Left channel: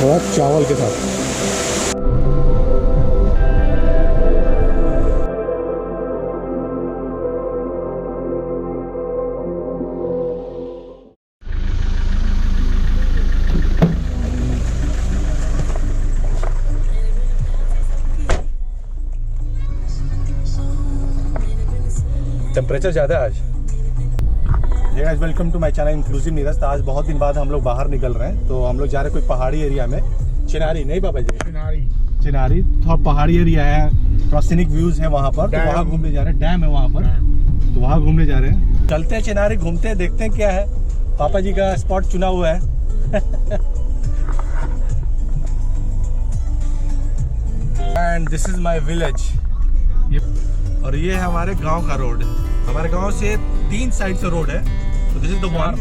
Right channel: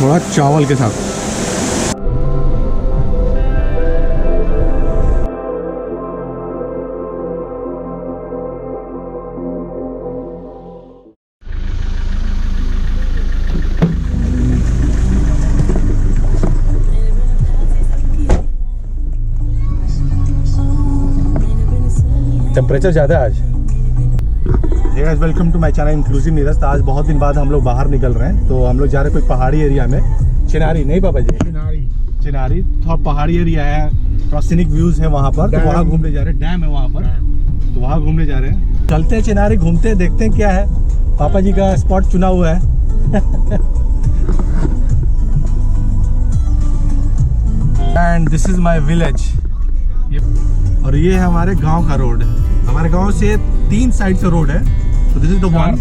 थोड़ा चावल के साथ। टेम्परेचर ज़्यादा है आज। Hey guys, welcome to my channel inclusive Neeraj. तो आज बहुत दिन बाद हम लोग बाहर निकल रहे हैं। तो हम लोग जा रहे हैं कोई पहाड़ी एरिया में। चिनारी नहीं पापा जी, चिनारी थोड़ा पहाड़ी एरिया है, थोड़ा सीनिक व्यूज है वहाँ पर। तो वहाँ घूमने जा रहे हैं, डैम है वहाँ पर, तो वहाँ घूमने जा रहे हैं। चलते हैं चिनारी, घूमते हैं, देखते हैं क्या है। पापा जी का स्पॉट चुना हुआ है। And this is my village. और ये है हमारे गांव का रोड। हमारे गांव से 3 साइड से रोड है। तो this is the one,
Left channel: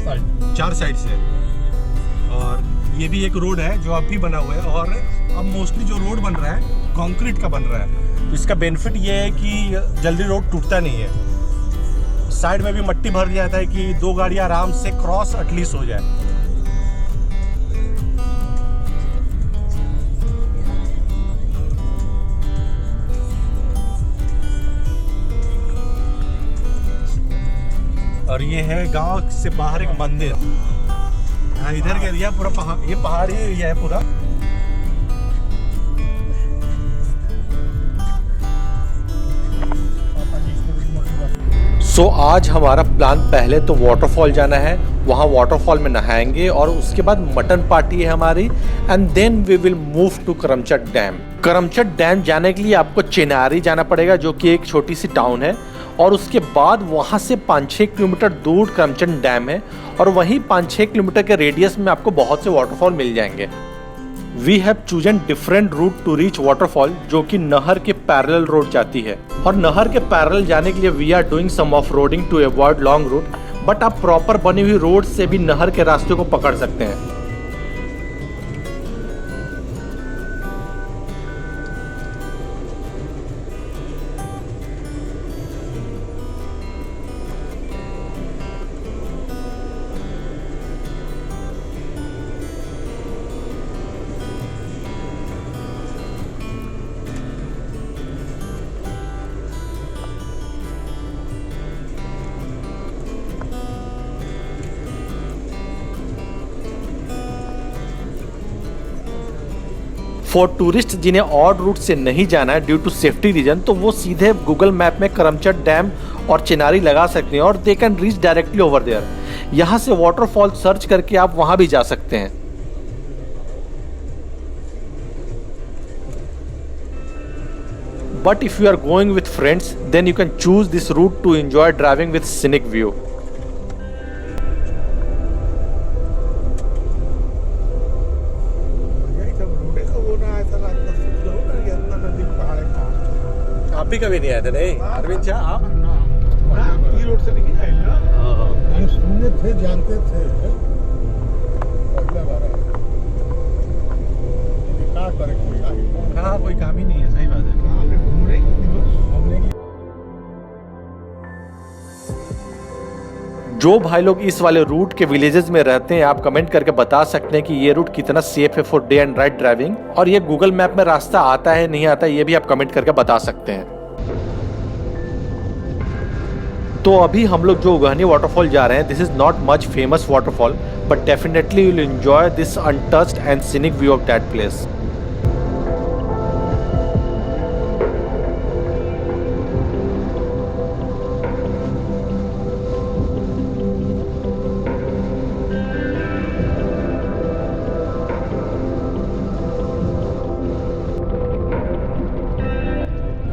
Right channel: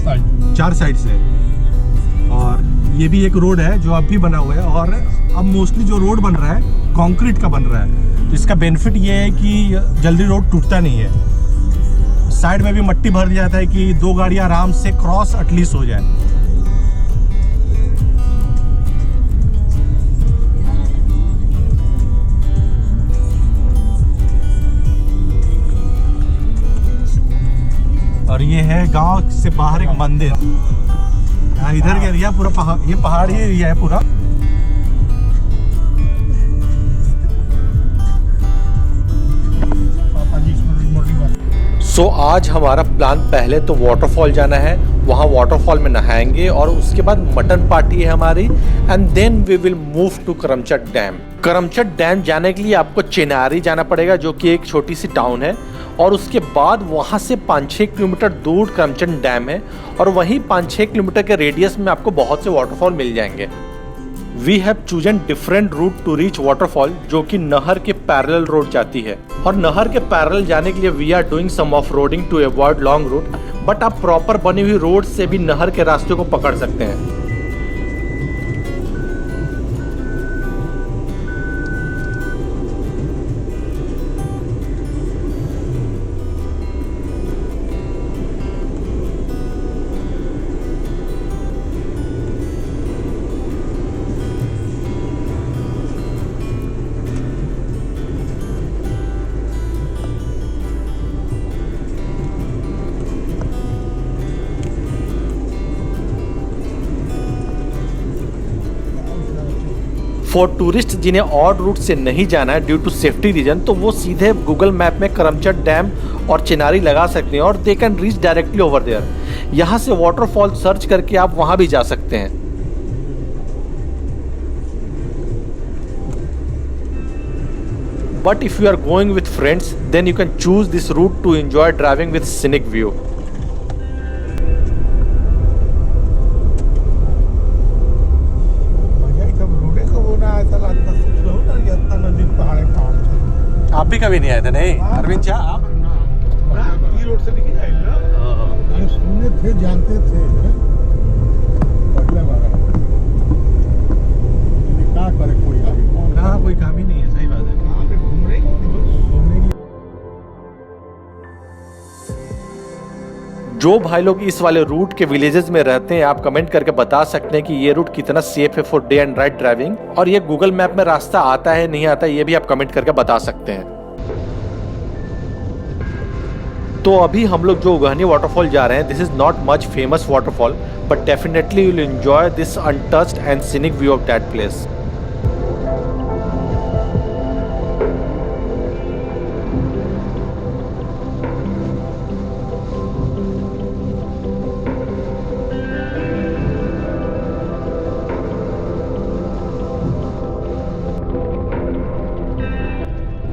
4 side से। और ये भी एक रोड है जो अब भी बना हुआ है। और अब मोस्टली जो रोड बन रहा है कंक्रीट का बन रहा है। तो इसका बेनिफिट ये है कि जल्दी रोड टूटता नहीं है। साइड में भी मट्टी भर जाता है कि 2 गाड़ियां आराम से क्रॉस एटलीस्ट हो जाए। और ये है गांव से बाहर एक मंदिर। इधर के एरिया पूरा ये पहाड़ी एरिया है पूरा। सो आज हमारा प्लान पहले तो वाटरफॉल जाना है, वहाँ वाटरफॉल में नहाएंगे और उसके बाद मटन पार्टी है हमारी। And then we will move to Karamchat dam. Karamchat dam जाने के लिए आपको चिनारी जाना पड़ेगा, जो कि एक छोटी सी टाउन है। और उसके बाद वहाँ से 5-6 किलोमीटर दूर करमचट डैम है। और वहीं 5-6 किलोमीटर के रेडियस में आपको बहुत से वाटरफॉल मिल जाएंगे। We have chosen different route to reach waterfall, जो कि नहर के पैरेलल रोड जाती है। और नहर के पैरेलल जाने के लिए we are doing some of roading to avoid long route. But आप प्रॉपर बनी हुई रोड से भी नहर के रास्ते को पकड़ सकते हैं। फॉर टूरिस्ट जिन्हें ऑड रूट से नहीं जाना है ड्यू टू सेफ्टी रीजन, तो वो सीधे गूगल मैप में करमचट डैम और चिनारी लगा सकते हैं और they can reach directly over there. यहाँ से वाटरफॉल सर्च करके आप वहाँ भी जा सकते हैं। But if you are going with friends then you can choose this route to enjoy driving with scenic view. आप भी कभी नहीं आए थे? नहीं अरविंद जी, आप रोड से निकल जाए ना। सुने थे, जानते थे। कोई काम ही नहीं है। सही बात है। जो भाई लोग इस वाले रूट के विलेजेस में रहते हैं, आप कमेंट करके बता सकते हैं कि ये रूट कितना सेफ है for day and night driving. और ये गूगल मैप में रास्ता आता है नहीं आता, ये भी आप कमेंट करके बता सकते हैं। तो अभी हम लोग जो उगहनी वाटरफॉल जा रहे हैं, this is not much famous waterfall, but definitely you will enjoy this untouched and scenic view of that place.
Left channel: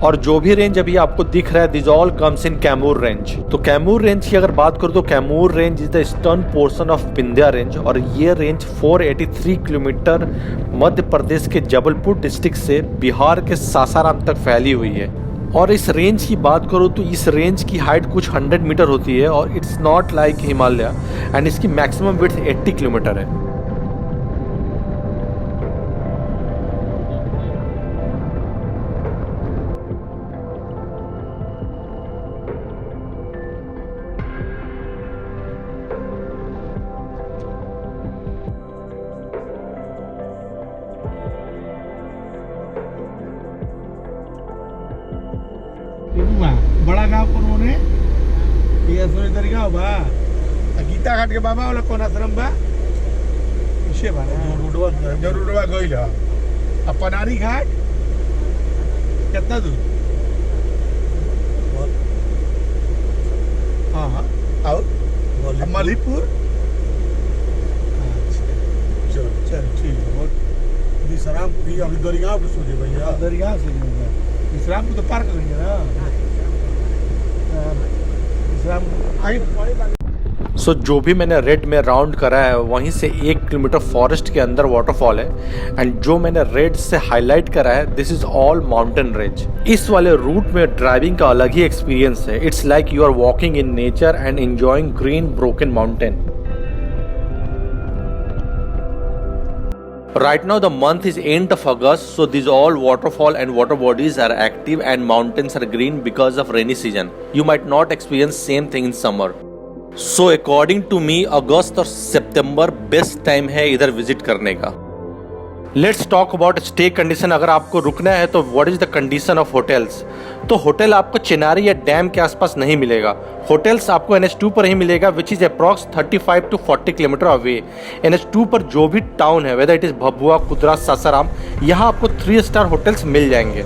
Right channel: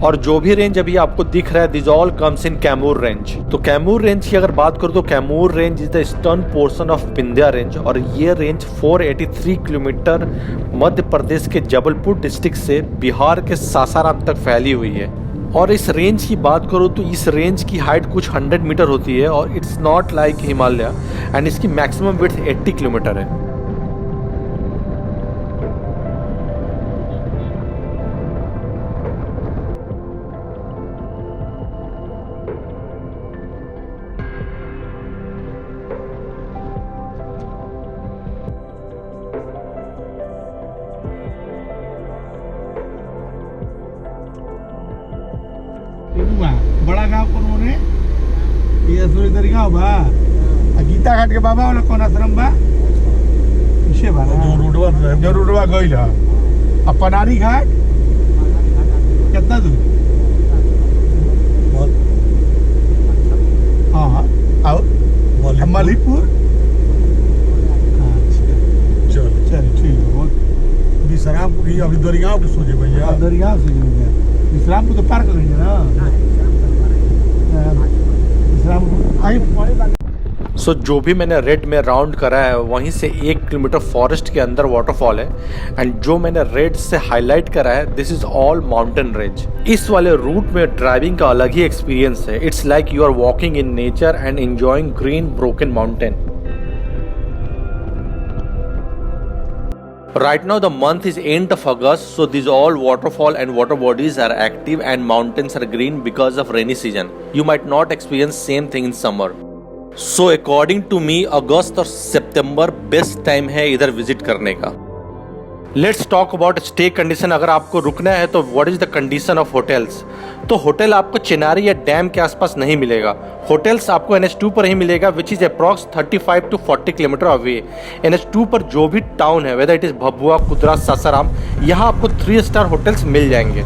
और जो भी रेंज अभी आपको दिख रहा है, this all comes in Kaimur range. तो कैमूर रेंज की अगर बात करूं तो Kaimur range is the eastern portion of Vindhya range. और ये रेंज 483 किलोमीटर मध्य प्रदेश के जबलपुर डिस्ट्रिक्ट से बिहार के सासाराम तक फैली हुई है। और इस रेंज की बात करूँ तो इस रेंज की हाइट कुछ 100 मीटर होती है और it's not like Himalaya. And इसकी मैक्सिमम विड्थ 80 किलोमीटर है। वाला गांव कौन होने ये सोरी गांव बा गीता घाट के बाबा वाला कौन आश्रम बा इसे बना जो रोडवा गइल ह अब पनारी घाट कितना दूर हाँ और मलीपुर चल चल ठीक है वो विश्रामपुर ही अभी दरियाव पे सोचे भैया दरियाव से जाओगे विश्रामपुर तो पार करेंगे ना विश्रामपुर आगे सो जो भी मैंने रेड में राउंड करा है वहीं से 1 किलोमीटर फॉरेस्ट के अंदर वाटरफॉल है एंड जो मैंने रेड से हाईलाइट करा है this is all mountain range. इस वाले रूट में ड्राइविंग का अलग ही एक्सपीरियंस है। It's like you are walking in nature and enjoying green broken mountain. Right now the month is end of August, so these all waterfall and water bodies are active and mountains are green because of rainy season. You might not experience same thing in summer. So according to me, अगस्त और सितंबर best time है इधर visit करने का। Let's talk about stay condition. अगर आपको रुकना है तो what is the condition of hotels. तो होटल आपको चिनारी या डैम के आसपास नहीं मिलेगा। होटल्स आपको NH2 पर ही मिलेगा which is approx 35 to 40 kilometre away. NH2 पर जो भी टाउन है whether it is Bhabua, Kudra, Sasaram, यहाँ आपको 3 स्टार होटल्स मिल जाएंगे।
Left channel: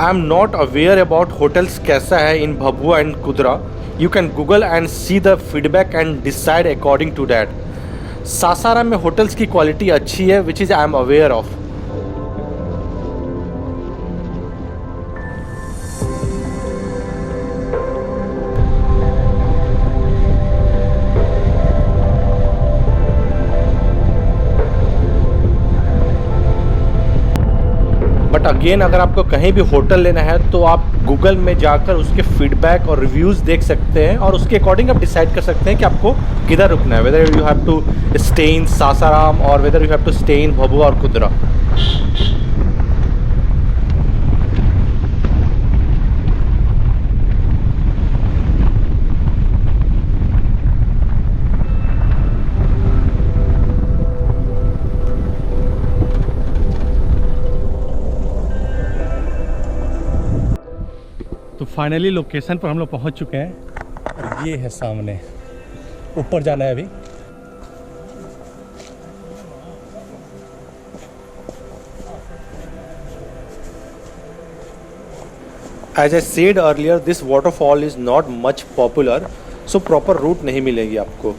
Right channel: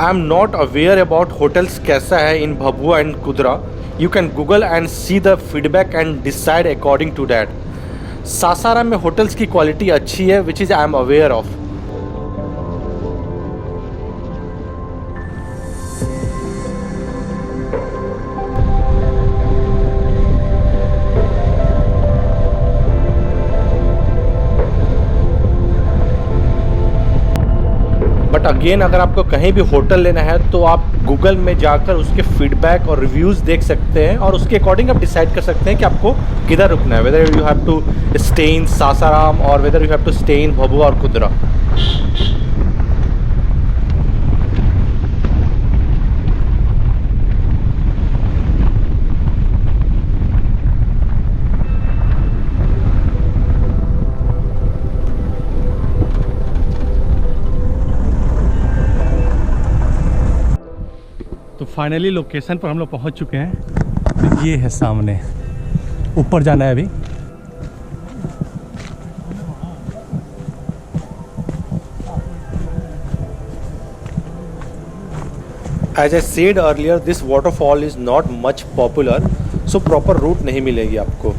I am not aware about hotels कैसा है in Bhabua and Kudra. You can Google and see the feedback and decide according to that. Sasaram में होटल्स की क्वालिटी अच्छी है which is I am aware of. But again अगर आपको कहीं भी होटल लेना है तो आप गूगल में जाकर उसके फीडबैक और रिव्यूज़ देख सकते हैं और उसके अकॉर्डिंग आप डिसाइड कर सकते हैं कि आपको किधर रुकना है, whether you have to stay in Sasaram or whether you have to stay in Bhabua or Kudra. तो फाइनली लोकेशन पर हम लोग पहुंच चुके हैं। तो ये है सामने, ऊपर जाना है अभी। As I said earlier, this waterfall is not much popular, so proper route नहीं मिलेगी आपको।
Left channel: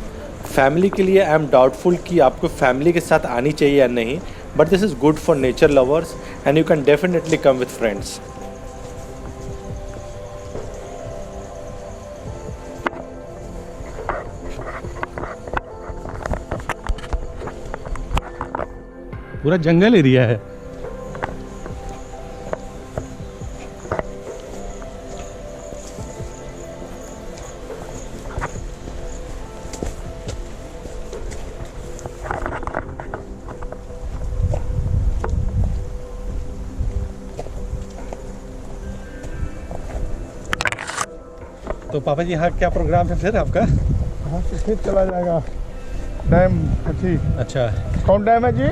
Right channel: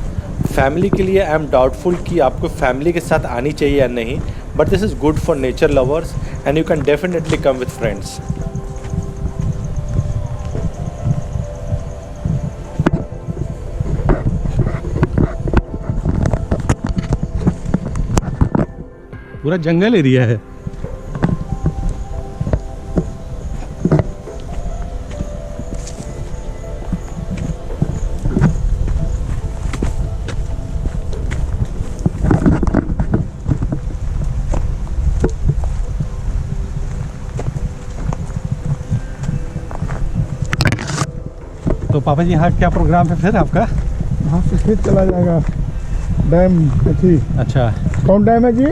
फैमिली के लिए आई एम डाउटफुल कि आपको फैमिली के साथ आनी चाहिए या नहीं, but this is good for nature lovers and you can definitely come with friends. पूरा जंगल एरिया है। तो पापा जी यहाँ क्या प्रोग्राम है फिर आपका? वहाँ से फिर चला जाएगा डैम थी। अच्छा, कौन डैम है जी?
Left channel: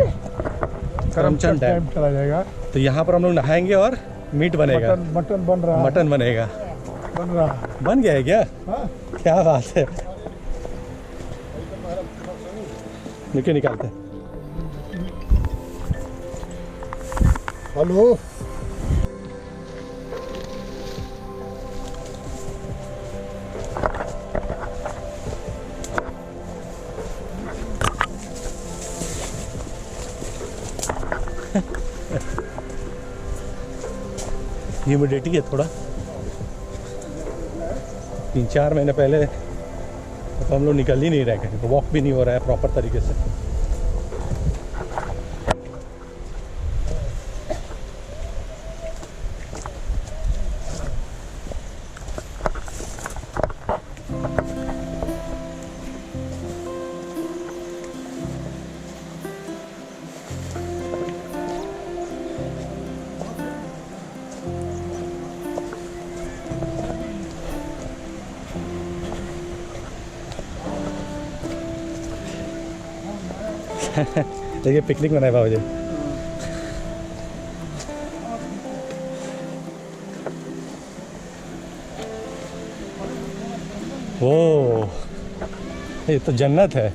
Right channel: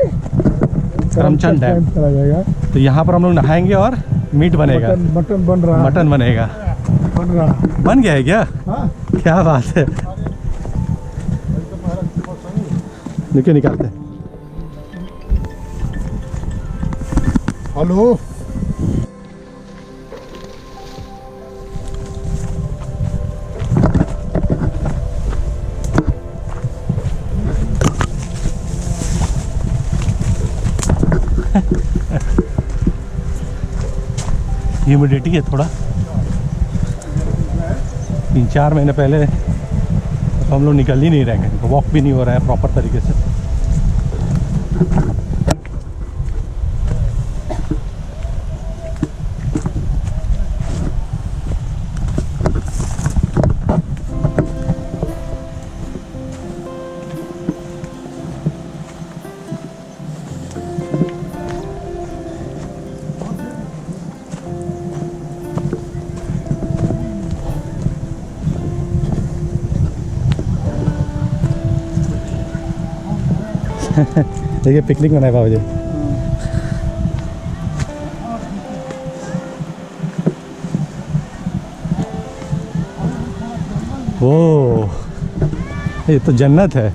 करमचंद डैम चला जाएगा। तो यहाँ पर हम लोग नहाएंगे और मीट बनेगा। मटन बन रहा है। मटन बनेगा। बन गया है क्या? हाँ। क्या बात है। देखिए निकालते हैं। हेलो, ह्यूमिडिटी है थोड़ा। 3-4 महीने पहले तो हम लोग निकल ही नहीं रहे हैं, वॉक भी नहीं हो रहा है प्रॉपर तरीके से। देखिए पिकनिक मनाए बाबू जी। ओ ये तो जन्नत है।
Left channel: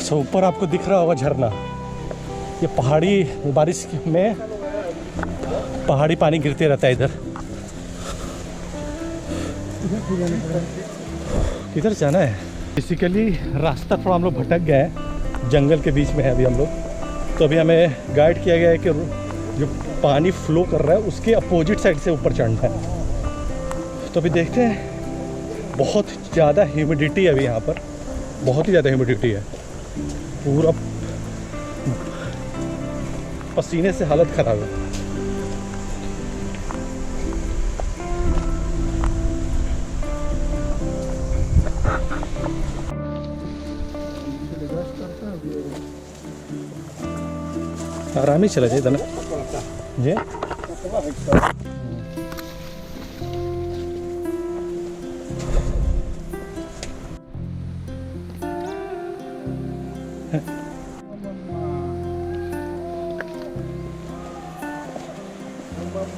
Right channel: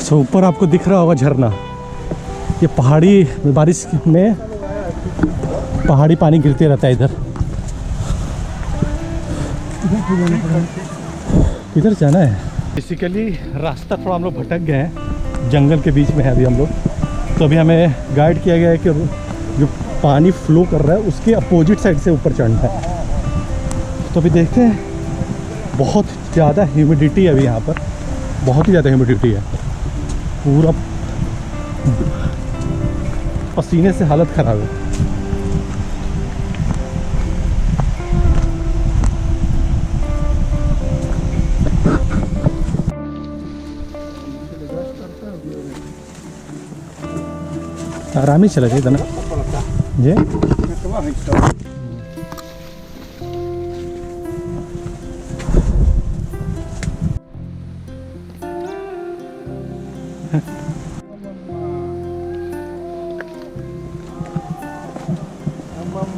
सो ऊपर आपको दिख रहा होगा झरना। ये पहाड़ी बारिश में पहाड़ी पानी गिरते रहता है इधर। किधर जाना है? बेसिकली रास्ता थोड़ा हम लोग भटक गए हैं, जंगल के बीच में है अभी हम लोग। तो अभी हमें गाइड किया गया है कि जो पानी फ्लो कर रहा है उसके अपोजिट साइड से ऊपर चढ़ना है। तो अभी देखते हैं, बहुत ज़्यादा ह्यूमिडिटी है अभी यहाँ पर, बहुत ही ज़्यादा ह्यूमिडिटी है। पूरा पसीने से हालत ख़राब है। आराम ही चला चाहिए था ना जी।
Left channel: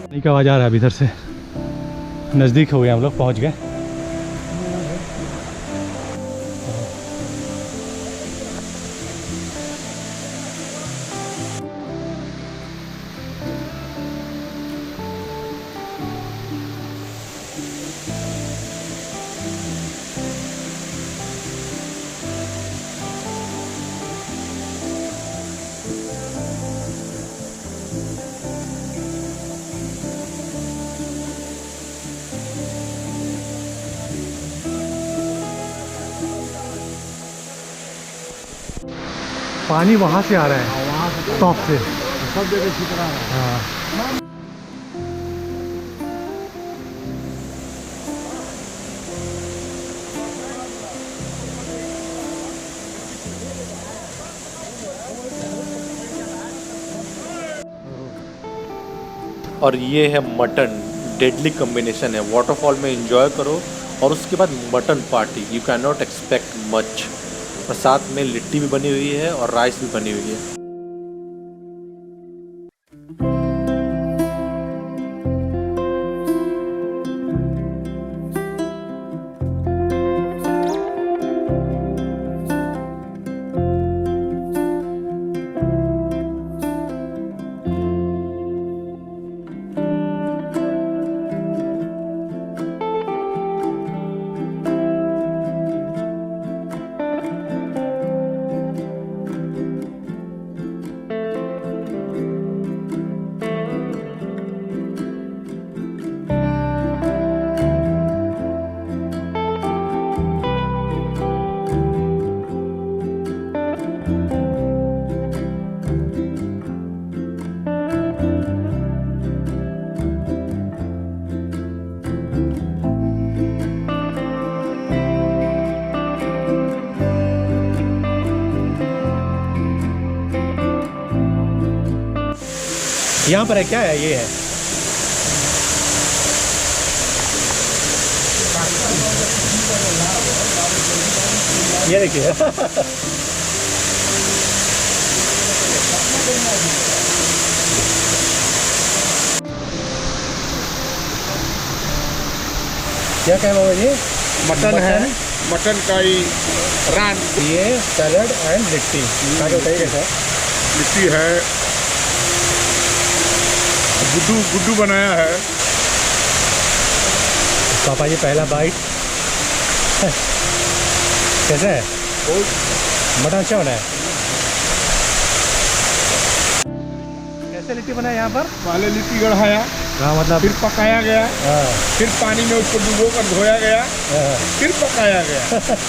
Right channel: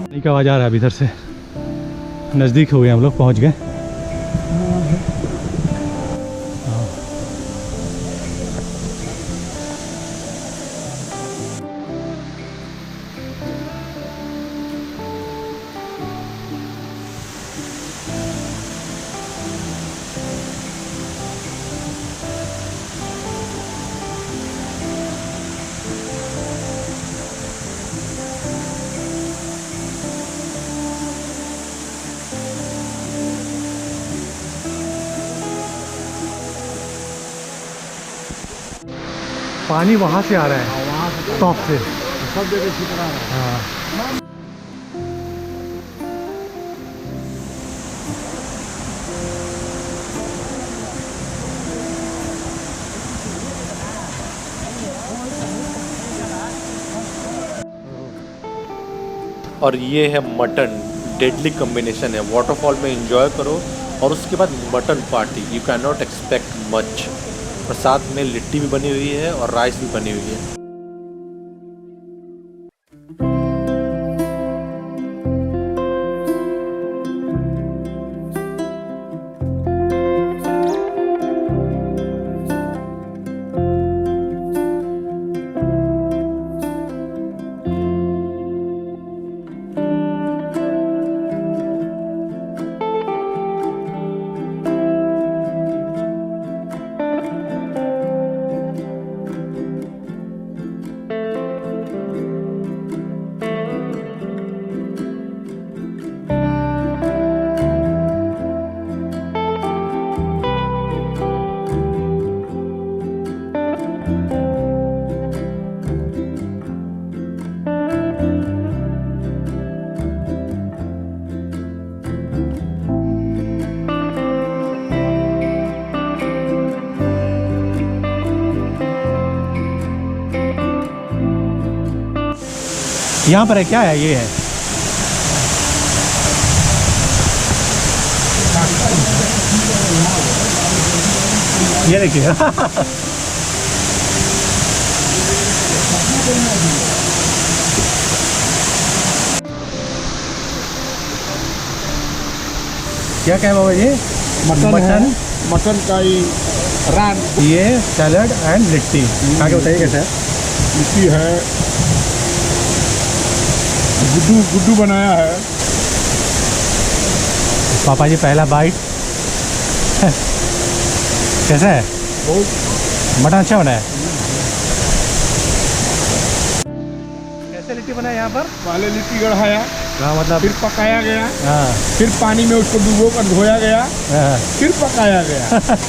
नहीं का आवाज़ आ रहा है अभी इधर से। नज़दीक हो गए हम लोग, पहुंच गए। पानी वहाँ से आ रहा है, टॉप से सब जगह छितरा है। हाँ। और ये है मटन, डेडली कॉम्बिनेशन है। वाटरफॉल में एंजॉय करो और उसके बाद mutton party, you can not expect much. और साथ में लिट्टी भी बनी हुई है और राइस भी बनी हुई है। यहाँ पर है, क्या है ये है? ये देखिए क्या क्या है बाबा जी? मटन है, मटन का ही रान, ये सैलड एंड लिट्टी। आगे बताइए कैसे है? लिट्टी है, गुड्डू बनाया है। पापा जी पहला बाइट कैसा है? मटन अच्छा बनाया। कैसे लिट्टी बनाया यहाँ पर? पहले लिट्टी गढ़ाया, हाँ मतलब फिर पकाया गया, हाँ फिर पानी में उसको डुबो कर धोया गया, हाँ। फिर पकाया गया।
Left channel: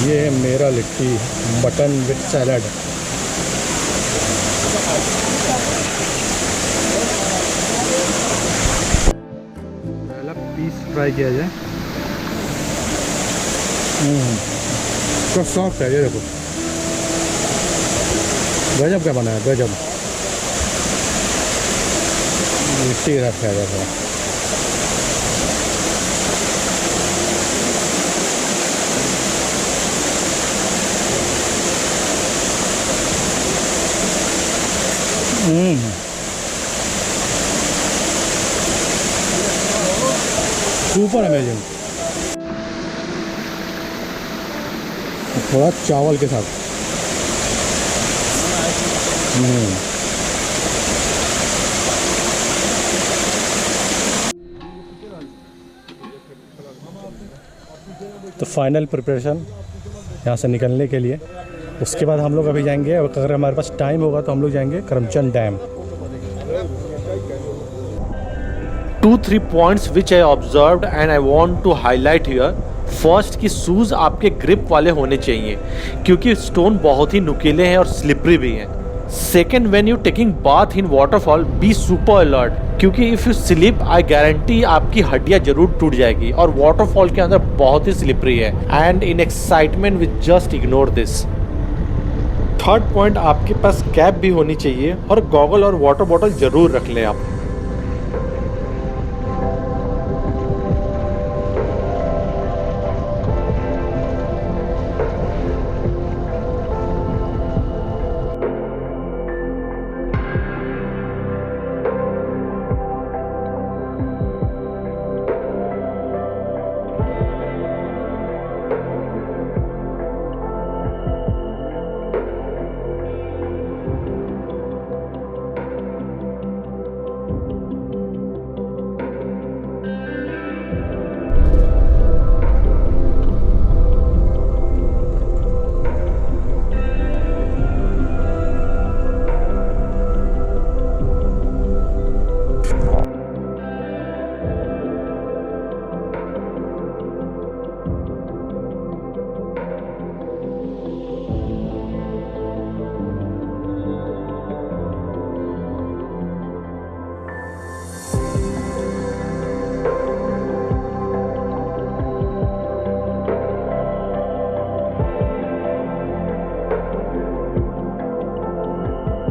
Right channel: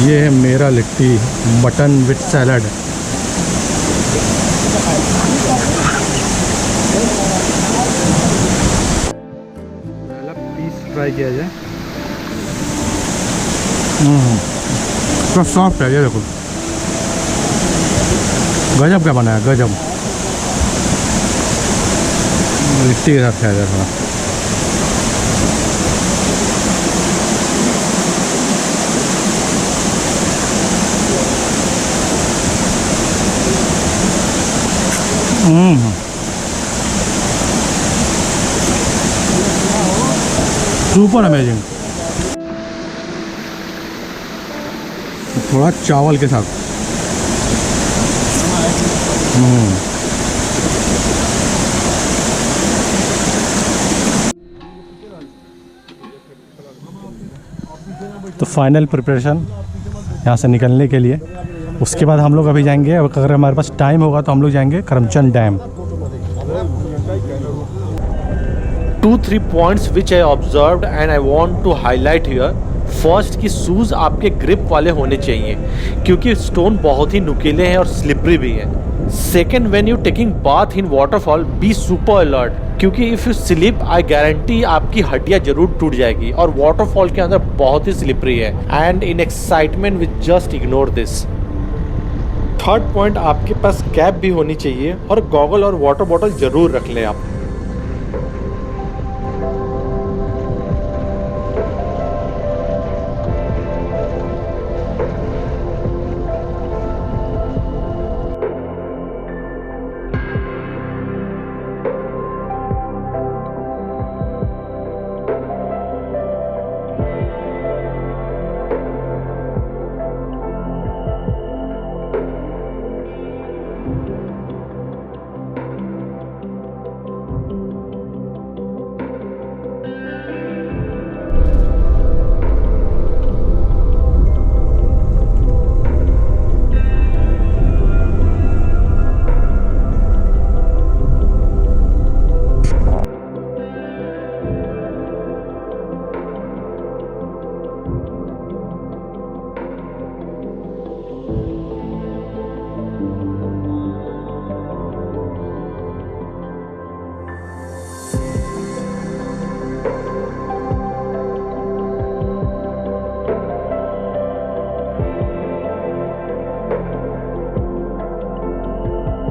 ये है मेरा लिट्टी, मटन विथ सैलड। पहला पीस फ्राई किया जाए। तो सॉफ्ट है, ये देखो गजब का बना है, गजब। लिट्टी रखा है देखो। Super amazing. थोड़ा चावल के साथ तो फाइनल प्रिपरेशन यहाँ से निकलने के लिए। उसके बाद हम लोग अभी जाएंगे, अगर हमारे पास टाइम होगा तो हम लोग जाएंगे Karamchand dam. 2-3 points which I observed and I want to highlight here. First कि शूज़ आपके ग्रिप वाले होने चाहिए क्योंकि स्टोन बहुत ही नुकीले हैं और स्लिपरी भी हैं। Second, when you taking bath in waterfall be super alert क्योंकि if you slip I guarantee आपकी हड्डियाँ जरूर टूट जाएगी और वाटरफॉल के अंदर बहुत ही स्लिपरी है। And in excitement with just ignore this. Third point, आपके पास कैप भी होनी चाहिए और गॉगल और वाटर बॉटल जरूर रख लें आप।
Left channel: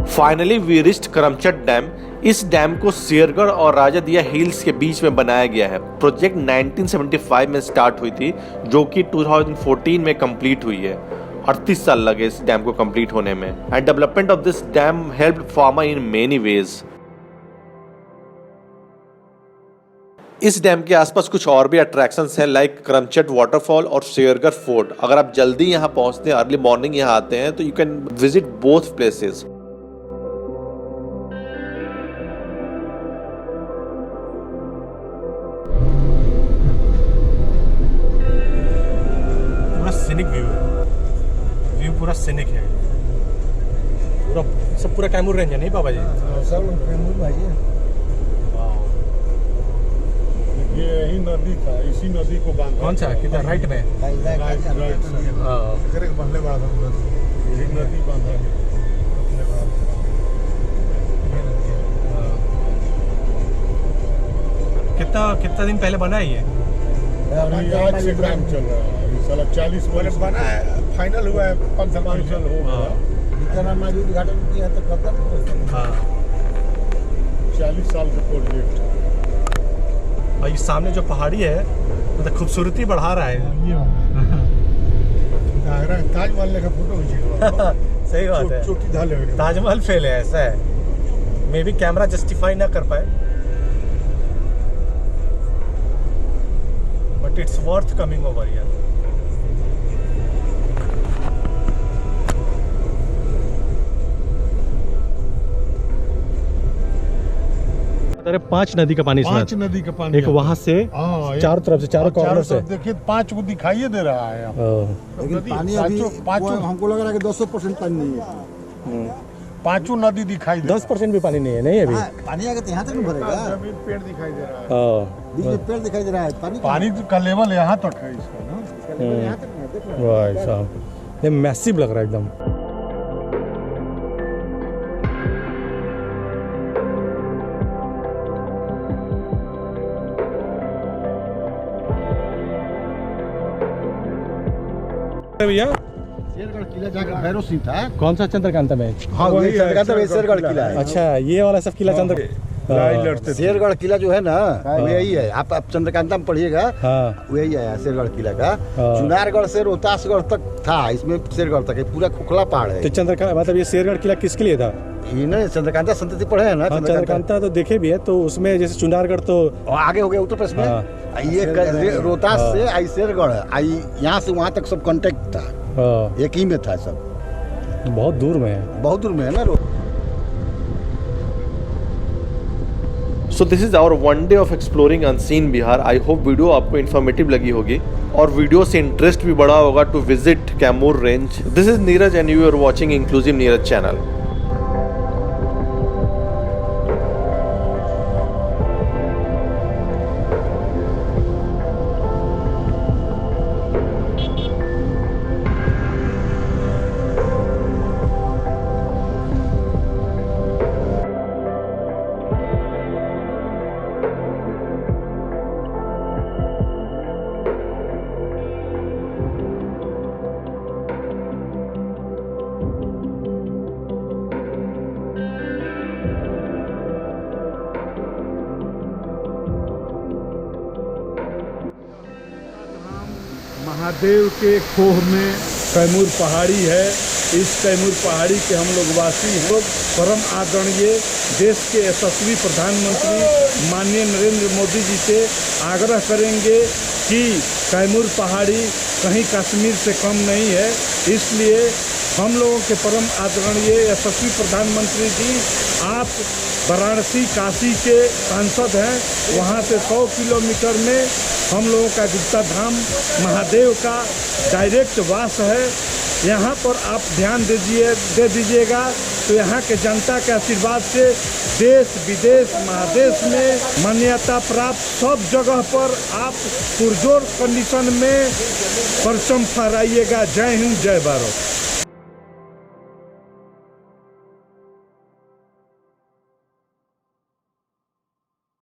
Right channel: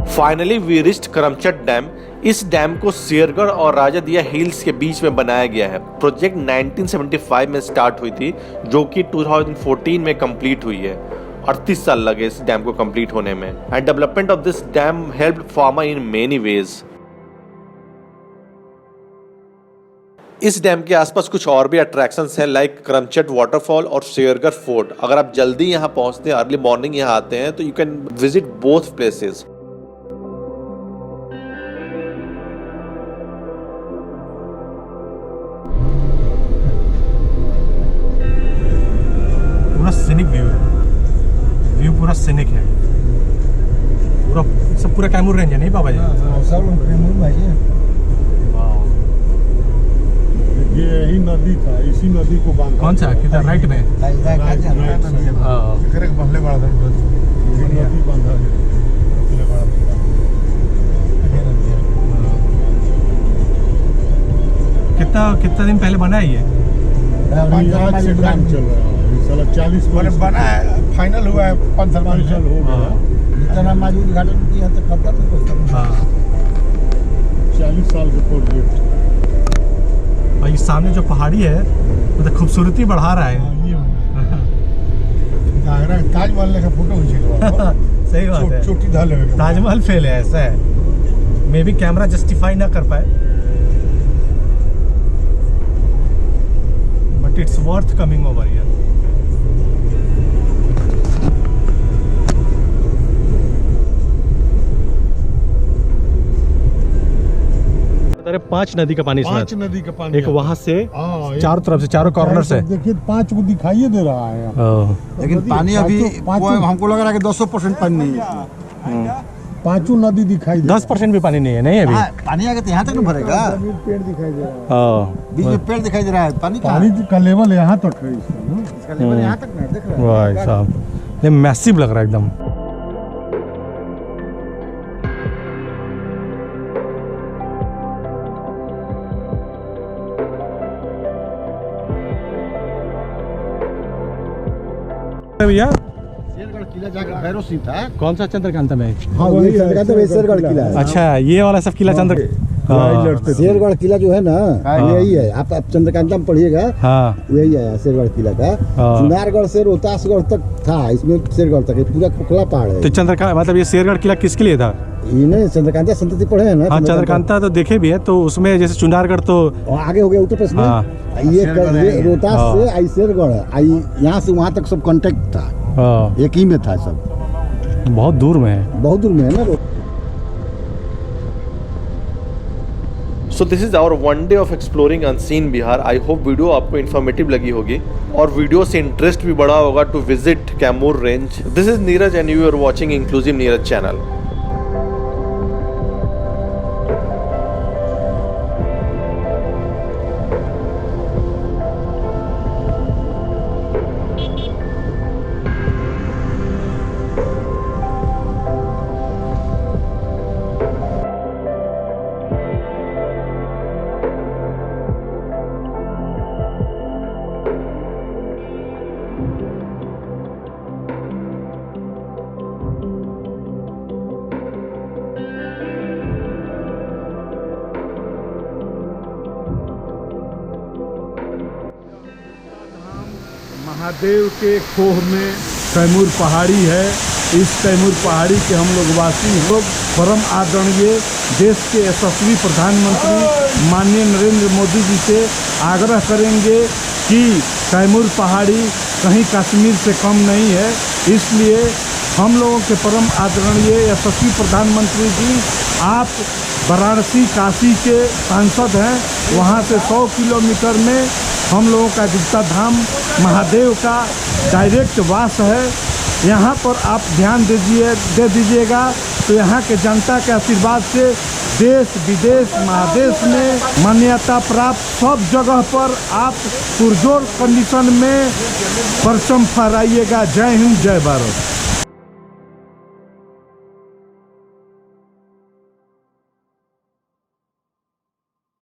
Finally we reached Karamchat dam. इस डैम को शेरगढ़ और राजा दिया हिल्स के बीच में बनाया गया है। प्रोजेक्ट 1975 में स्टार्ट हुई थी जो कि 2014 में कंप्लीट हुई है। 38 साल लगे इस डैम को कंप्लीट होने में। And development of this dam helped farmer in many ways. इस डैम के आसपास कुछ और भी अट्रैक्शंस हैं लाइक करमचट वाटरफॉल और शेरगढ़ फोर्ट। अगर आप जल्दी यहाँ पहुँचते हैं, अर्ली मॉर्निंग यहाँ आते हैं तो you can visit both places. Scenic view है, व्यू पूरा सीनिक है, पूरा सब पूरा कैमूर रेंज है नहीं पापा जी? सब कैमूर भाई। ये यही नदी था, इसी नदी को बांध। कौन सा किधर? राइट में। हाँ पहले बड़ा नदी बांधा गया। कितना दिन पहले बना है ये? आज से काम चल रहा है। 40 वर्ष बना है, फाइनल हुआ है 5 साल बाद जितना माजी उद्घाटन किया तो करता था। हाँ 40 साल का प्रोजेक्ट। और ये सामने जो पहाड़ी है मतलब खूबसूरती बढ़ा रहा है। ये ताजमहल का फोटो खींचा। सही बात है, चोटी ढाले हुए ताजमहल फेल है, ऐसा है। मे भी कैमरा जस्टिफाई ना कर पाए but it's worth coming over here. अरे 5 नदी का पानी, 5 नदी का पानी, एक वहां से चारों तरफ से, चारों कॉर्नर से देखिए 5 को दिखाई दे रहा है। लेकिन पानी अभी पाँचों हमको लग रहा है कि 200% पानी नहीं है। 5 नदी दिखाई 10% भी पानी नहीं है। नहीं अभी पानी आगे तो यहाँ तक नहीं भरेगा। जमीन पेड़ दिखाई दे रहा है। बीच में पेड़ दिखाई दे रहा है। पानी का लेवल यहाँ तक है इसका ना। इसका लेवल यहाँ तक नहीं, देख लो। भाई साहब ये मैसिव लग रहा है एकदम। भैया शेरगढ़ किला जाकर भैरव सिंह था। कौन सा चंद्रकांता में? हाँ वही चंद्रकांता में शेरगढ़ किला है। अच्छा ये वाला सब किला चंद्र लड़ते थे। शेरगढ़ किला जो है ना वो यही है। आप चंद्रकांता में पढ़िएगा, हाँ वही है शेरगढ़ किला का। हाँ। चुनारगढ़ से रोहतासगढ़ तक था, इसमें शेरगढ़ तक पूरा खोखला पहाड़ है। तो चंद्रकांत मतलब ये शेरगढ़ किला किसके लिए था? ये नहीं चंद्रकांता संतति पढ़े हैं ना? हाँ चंद्रकांता तो देखे भी हैं, तो उसमें जैसे चुनारगढ़ तो आगे हो गया उत्तर प्रदेश में। हाँ। ये रोहतास से आई शेरगढ़ आई, यहाँ से वहाँ तक सब कांटेक्ट था, हाँ, एक ही में था सब। बहुत दूर में है। बहुत दूर में है ना। So this is our one day of exploring unseen Bihar. I hope video आपको इन्फॉर्मेटिव लगी होगी और वीडियो से इंटरेस्ट भी बढ़ा होगा to visit Kaimur range. This is Neeraj and you are watching inclusive Neeraj channel. Mahadev के खोह में कैमूर पहाड़ी है। इस कैमूर पहाड़ी के हम लोग वासी लोग परम आदरणीय देश के यशस्वी प्रधानमंत्री माननीय नरेंद्र मोदी जी से आग्रह करेंगे कि कैमूर पहाड़ी कहीं कश्मीर से कम नहीं है। इसलिए हम लोगों के परम आदरणीय यशस्वी प्रधानमंत्री जी, आप वाराणसी काशी के सांसद हैं, वहाँ से 100 किलोमीटर में हम लोगों का गुप्ता धाम महादेव का डायरेक्ट वास है। यहाँ पर आप ध्यान दे दीजिएगा तो यहाँ के जनता के आशीर्वाद से देश विदेश महादेश में मान्यता प्राप्त सब जगह पर आप पुरजोर कंडीशन में परचम फहराइएगा। जय हिंद, जय भारत।